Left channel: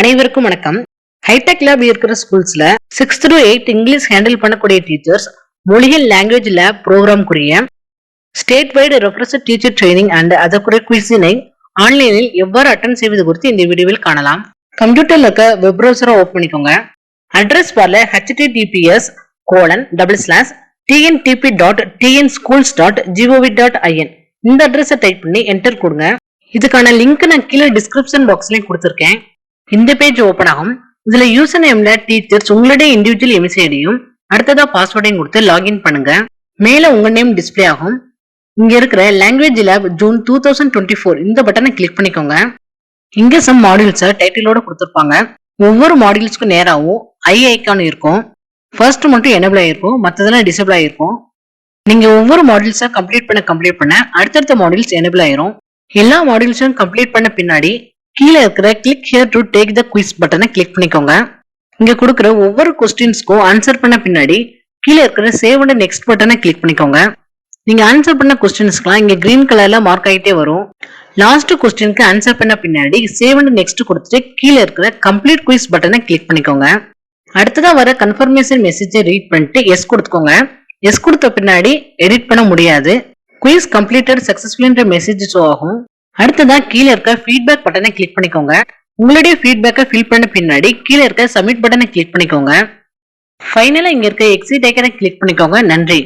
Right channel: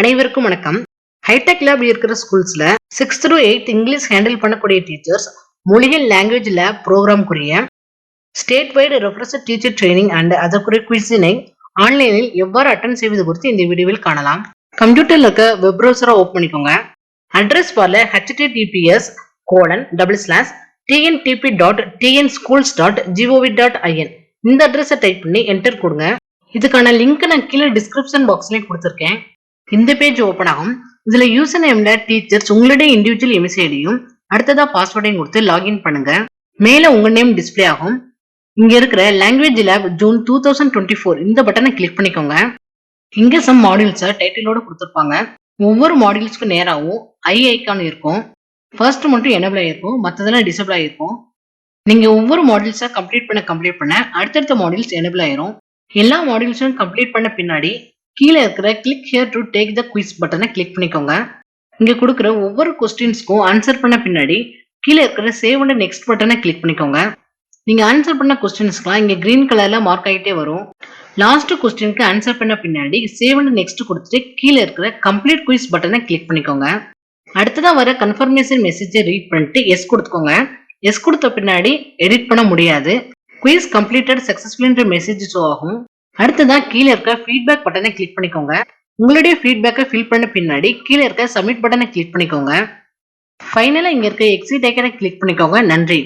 அனைவருக்கும் வணக்கம். Hi tech lab இருக்கிற ஸ்கூல்ஸ்ல 6th to 8th English handle பண்ணக்கூடிய டீச்சர்ஸ் மொழிகள் லாங்குவேஜ் லேப் ப்ரோக்ராம்க்குரிய state wide reference teacher training and அதற்குரிய குவிஸினை ஆன்லைனில் எவ்வாறு அட்டன் செய்வது குறித்து இந்த வீடியோவில் காணலாம். கம்ப்யூட்டர்ல இருக்க வெப் ப்ரௌசரை ஓபன் பண்ணிக்கோங்க. அட்ரஸ் பார்ல https://tntp.tnschools.gov.in இந்த அட்ரஸை டைப் பண்ணி என்டர் கொடுங்க. இதுக்கான லிங்க் நான் கீழே டிஸ்கிரிப்ஷன் பாக்ஸ்லயும் கொடுத்துருக்கேன். இந்த பேஜ் ஓபன் ஆகும். இதுல யூசர் நேம்ல டீச்சர்ஸ் உங்களுடைய இண்டிவிஜுவல் எம்சிஐடியும் அடுத்ததா பாஸ்வேர்டையும் கொடுத்து லாகின் பண்ணுங்க. மேல உங்க நேம் டிஸ்பிளே ஆகும். இங்க இருக்கிற லாங்குவேஜ் லேப் ஜூன் 2024 இந்த பட்டனை கிளிக் பண்ணிக்கோங்க. இங்க சம் மாடியூல்ஸை டைட்டிலோட கொடுத்துருப்பாங்க. ஒவ்வொரு மாடியூல்ஸ்க்கும் நேராகவும் ஐ ஐக்கான் இருக்கும். ஃபர்ஸ்ட் மட்டும் எனேபிள் ஆயிருக்கும், மற்றதெல்லாம் டிசேபிள் ஆயிருக்கும். நீங்க ஒவ்வொரு மாடியூல்ஸை கம்ப்ளீட் பண்ண அடுத்தடுத்த மாடியூல்ஸ் எனேபிள் ஆயிரும். எல்லா மாடியூல்ஸும் கம்ப்ளீட் பண்ண பின்னாடி கீழே இருக்கிற click here to take the quiz பட்டனை கிளிக் பண்ணிக்கோங்க. இங்க கொடுக்குற ஒவ்வொரு கொஸ்டின்ஸ்க்கும் ஆன்சர் பண்ண பின்னாடி கீழே இருக்கிற சேவ் அண்ட் நெக்ஸ்ட் பட்டனை கிளிக் பண்ணிக்கோங்க. நீங்க ஆன்சர் பண்ண கொஸ்டின்ஸ்க்குலாம் இங்க கிரீன் கலர்ல மார்க் ஆகிட்டே வரும். லாஸ்ட் கொஸ்டினுக்கு ஆன்சர் பண்ண பின்னாடி சேவ் அண்ட் நெக்ஸ்ட் கொடுத்துட்டு கீழே இருக்கிற கம்ப்ளீட் குவிஸ் பட்டனை கிளிக் பண்ணிக்கோங்க. அடுத்ததா வர கன்ஃபர்மேஷன் மெசேஜை ரீட் பண்ணிட்டு எஸ் கொடுத்துக்கோங்க. எஸ் கொடுத்த பின்னாடி எடிட் பண்ண முடியாது. குவிஸ் கம்ப்ளீட்டட் சக்சஸ்ஃபுல்ன்ற மெசேஜ் ஷோ ஆகும். அடுத்ததா கீழே இருக்க ஃபீட்பேக் பட்டனை கிளிக் பண்ணிக்கோங்க. உங்களுடைய ஃபீட்பேக்கை ஃபில் பண்ண பின்னாடி கீழே இருக்க சப்மிட் பட்டனை கிளிக் பண்ணிக்கோங்க. ஃபைனலா இங்க இருக்க எக்ஸிட் ஐக்கனை கிளிக் பண்ணிக்கோங்க. நன்றி.